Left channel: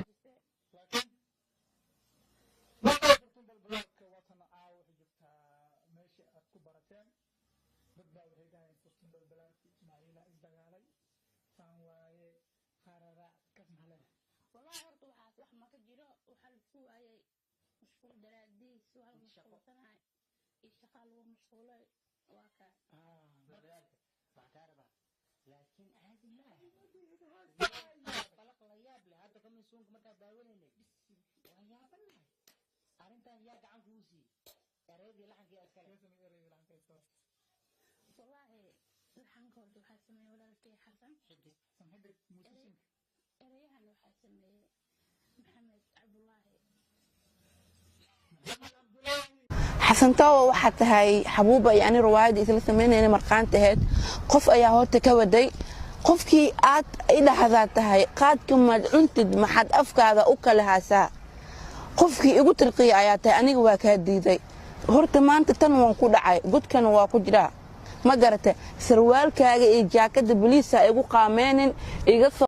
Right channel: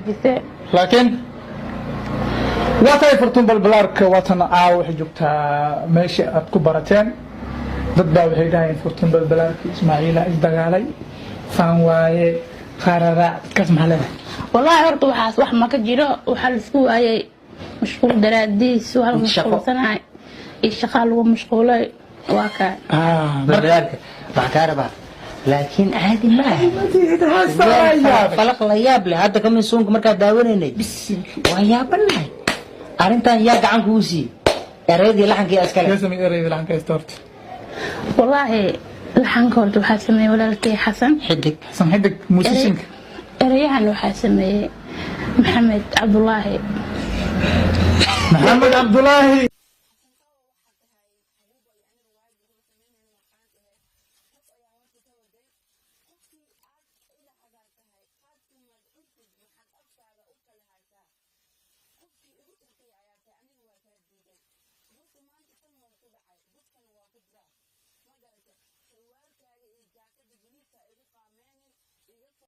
فكيسة لكن واتاي فرتون بالبلارك واتنا عاو حجبتها ماشي أتكبرتين ضد وحي داين فرتون بالبلارك إسماعيل إسدقالي فان واي قرارات كسمح له والله هرت وحاس wax ma ka jiro waxa la isku waayay mashquul daraadiis waxa la mashquulsanaay shaqo lagu mashquulay waa ka بالبلارك بحكاربه لكن عادي ما فلق لا ياب له هذا كم سونك marka daawaneenay waa yaabanahay arintan yaa gacan ku sii ereydii laxankii askale يسمي ereydii laxankii استورت والله laxanka horta waxa sameeyay walaalkay xasan xidig حسن حدك موسيقى ereyahan waxa sameeyay محمد عبد الله حسن تاو waxaa tahay xabuuba yani riwaayad isla sameynayna marqaan tahay qof ayaa horta ka waday qofkii aad idhaahdaa tahay qaadka madcuntid maxad afkaada u kala haasaa qofkii igu tirqiya ayaa tahay aniga waa ka diiday horta maanta tan waan ku dhacay godkana waa ku jiraa ma garata sarwaalkaaga iyo jaakada booliiska igu qaameenin iga